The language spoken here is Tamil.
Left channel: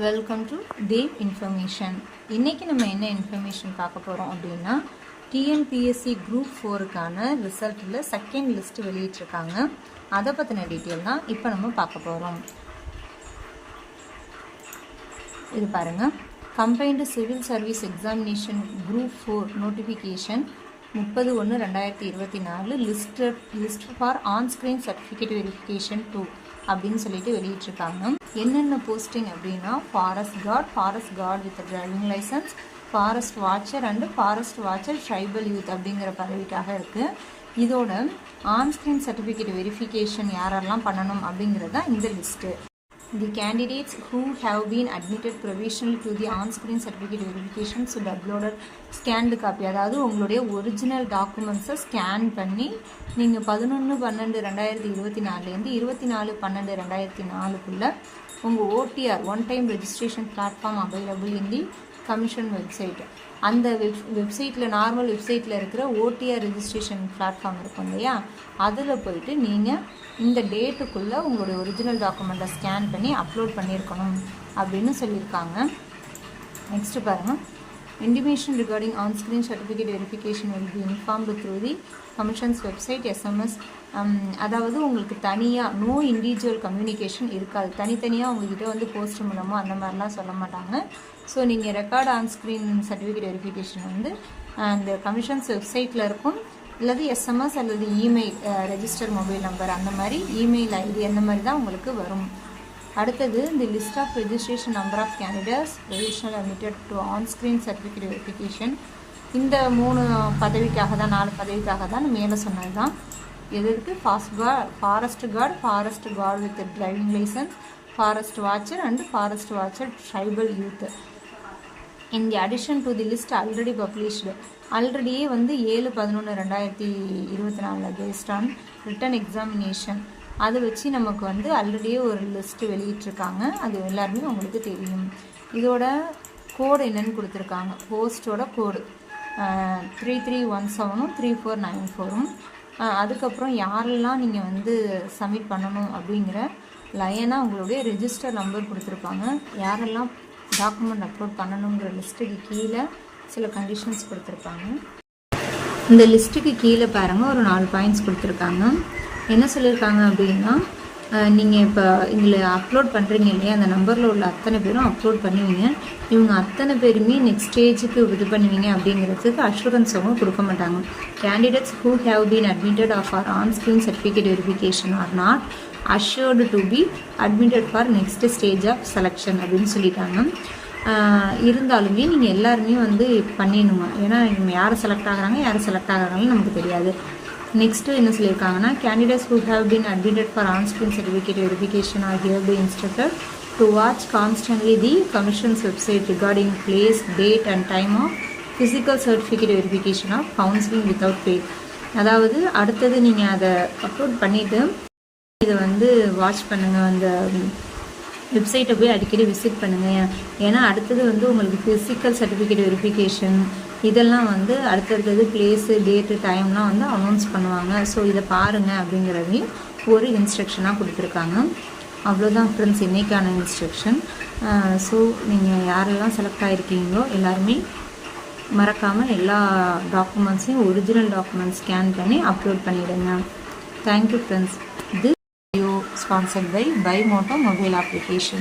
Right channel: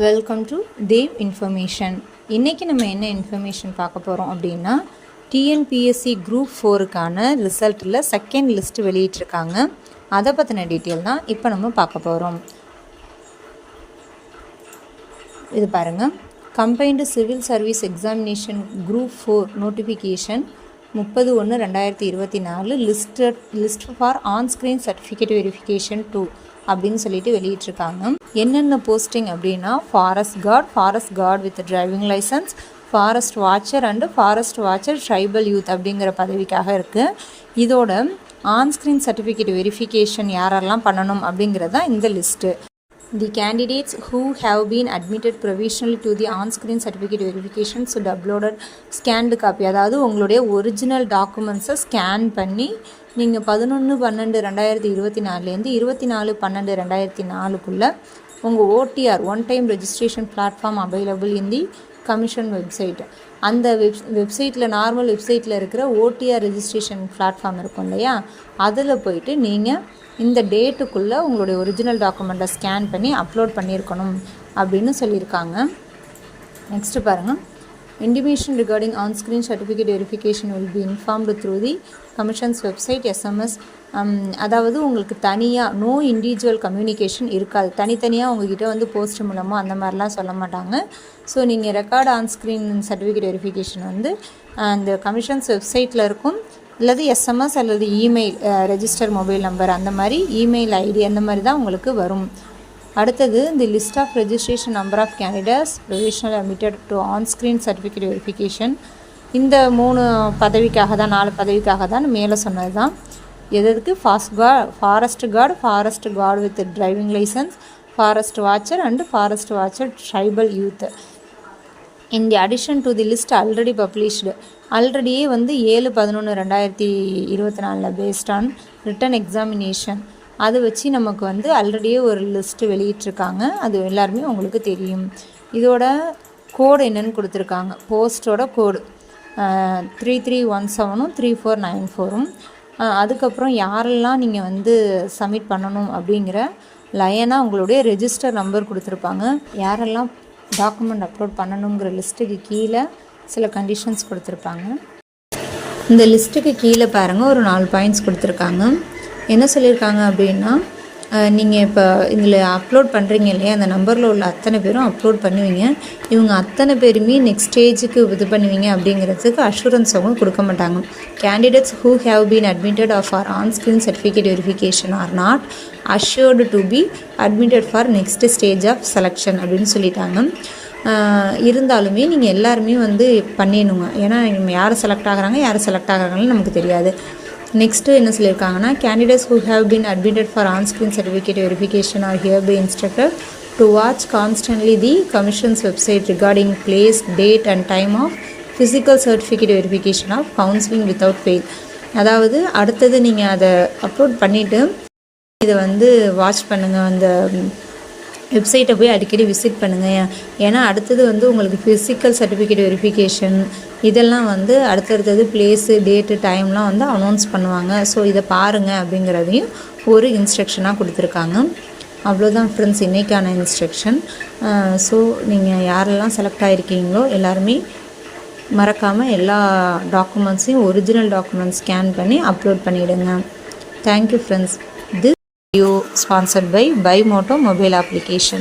Welcome to Dev information. இன்றைக்கி நம்ம என்ன இன்ஃபர்மேஷன் பார்க்க போகிறோம் அப்படின்னா, டிஎன்பிஎஸ்சி குரூப் 4க்கான ரிசல்ட்டில் செகண்ட் லிஸ்ட்டு வெளியிட்டிருக்காங்க. அதை பற்றின டீட்டெயில் தான் இப்போ நம்ம பார்க்க போகிறோம். இது பாருங்கள், combined civil service examination group 4 notification 30/1/2024 list for onscreen certificate verification 2 அப்படின்னு சொல்லிட்டு வெளியிட்டிருக்காங்க. என்னென்ன போஸ்டிங் அப்படின்னா, forest guard with driving licence, forest watcher and forest watcher tribal youth அப்படிங்கிற பதவிக்காக இருக்குது. இதோட ஆன்ஸ்க்ரீன் சர்டிஃபிகேட் வெரிஃபிகேஷன் யாரெல்லாம் பண்ணணும் அப்படிங்கிறது தான் இந்த list. The candidates who have been admitted provisionally to the on-screen certificate verification should upload scanned copy. அதாவது உங்களுடைய ஒரிஜினல் டாக்குமெண்ட்ஸை ஸ்கேன் பண்ணி நீங்கள் 11/12/2024 24/12/2024 உங்கள் OTR one time registration platform available in the commission website. அந்த வெப்சைட்டில் நார்மல் வெப்சைட்டில் இருக்கிற ஓடிஆர் ரெஜிஸ்ட்ரேஷன் பிளாட்ஃபார்ம் இருக்கும் இல்லையா, அதில் போயிட்டு நீங்கள் இந்த டேட்டுக்குள்ளே உங்களுடைய ஒரிஜினல் டாக்குமெண்ட்டை ஸ்கேன் பண்ணி அப்லோட் பண்ணியிருக்கணும் அப்படின்னு சொல்லியிருக்காங்க. நெக்ஸ்ட்டு பாருங்கள், intimation regarding on-screen certificate verification will be informed through the commission's website SMS. அதாவது உங்களுக்கு தனியாக நோ இண்டிவிஜுவல் கம்யூனிகேஷன் இருக்காது. தனித்தனியாக உங்ககிட்ட வந்து போஸ்ட் மூலமாக அந்த மாதிரிலாம் சொல்ல மாட்டாங்க. ஸோ நீங்கள் ரெக்கார்டு ஆன்ஸ்க்ரீன் சர்டிஃபிகேட் வெரிஃபிகேஷன் வந்து அந்த கமிஷன்ஸ் வெப்சைட்டில் இருக்கும், அல்லது எஸ்எம்எஸ் அல்லது இமெயில், ரெஜிஸ்டர் மொபைல் நம்பர், அந்த மாதிரி இமெயில் ஐடி அந்த மாதிரி தான் உங்களுக்கு வரும். அடுத்தது, இந்த list of registration number of candidates provisional admitted to onscreen certificate verification. இந்த 3 பதவிக்காக தான், 4 பதவிக்காக தான் மேலே சொன்னது தான். எதுக்கு? Forest guard with driving licence, forest watcher and forest watcher tribal youth. In the addition to the list already published, ஆல்ரெடியே வந்து 7/11/2024 பேஸ்ட் ஆன் ரிட்டன் எக்ஸாமினேஷன் அதை வச்சு நமக்கு வந்து ஆல்ரெடியே ஒரு லிஸ்ட்டு வெளியிட்டிருக்காங்க. அது எல்லாருமே உங்களுக்கு தெரியும். இதோட கோடு என்னென்னு கொடுத்துருக்காங்க. போஸ்ட்டோட கோடு 3317 3494. அதுக்கப்புறம் யாரெல்லாம் நீங்கள் வந்து சப்மிட் பண்ணணும் அப்படிங்கிற லைனாக உங்களுடைய ரெஜிஸ்டர் நம்பர் கொடுத்துருப்பாங்க. யாரெல்லாம் டாக்குமெண்ட் அப்லோட் பண்ணணுங்கிற லிஸ்ட்டுக்கு கீழே சில கண்டிஷன்ஸ் கொடுத்துருப்பாங்க. இந்த லிஸ்ட்டுக்கு கீழே பாருங்கள், ஒரு 4 பாயிண்ட்ஸ் கொடுத்துருக்காங்க. என்ன சொல்லியிருக்காங்க அப்படின்னா, நீங்கள் இப்போ இதில் அப்லோட் பண்ணுறீங்க இல்லையா, அந்த நம்பரில் உள்ள அத்தனை பேரும் அப்லோட் பண்ணுவீங்க. இவங்க அத்தனை பேருமே நெக்ஸ்ட் ஸ்டேஜுக்கு இது பண்ணுவீங்க அப்படிங்கிறதுக்கு அஷூரன்ஸ் அவங்க கொடுக்க மாட்டாங்க. Candidates who have been admitted of or onscreen certificate verification are not assured to be admitted for next stage of selection அப்படின்னு சொல்லிட்டாங்க. இருந்தாலுமே நீங்கள் எல்லாருமே வந்து பண்ணிடணுங்க. ஏன்னா யார் செலக்ட் ஆகிறாங்கன்னு நமக்கு தெரியாது. நெக்ஸ்ட்டு என்ன சொல்லியிருக்காங்கன்னா, candidates who have been admitted for onscreen certificate verification are hereby instructed to watch constantly the commission's website regarding place, date and time of physical certificate verification of counselling without fail. அதாவது அடுத்தது நீங்கள் அதை அப்லோட் பண்ணிவிட்டு இதை வந்து வாட்ச் பண்ணுங்கள், அந்த வெப்சைட்டை போய் அடிக்கடி விசிட் பண்ணுங்கள். ஏன்னா அடுத்தது வந்து உங்களுக்கு ஃபிசிக்கல் சர்டிஃபிகேட் வெரிஃபிகேஷன் இதெல்லாம் வந்து அடுத்தடுத்தது பிளேஸு, டேட்டு, டைம்லாம் வந்து அனௌன்ஸ் பண்ணுவாங்க. ஸோ இதை பாருங்கள் அப்படிங்கிறதையும் ஒரு இன்ஸ்ட்ரக்ஷனாக கொடுத்துருக்காங்க. அவ்வளோதான் ஃப்ரெண்ட்ஸ் இன்றைக்கான இன்ஸ்ட்ரக்ஷன். ஸோ நீங்கள் யாரெல்லாம் செலக்ட் ஆகிருக்கீங்களோ எல்லாருமே மறக்காமல் எல்லா டாக்குமெண்ட்ஸையும் ஒரிஜினல் டாக்குமெண்ட்ஸ் ஸ்கேன் பண்ணி அப்லோட் பண்ணிவிடுங்க. Thank you friends. This video sponsored by Bimoto mobile application.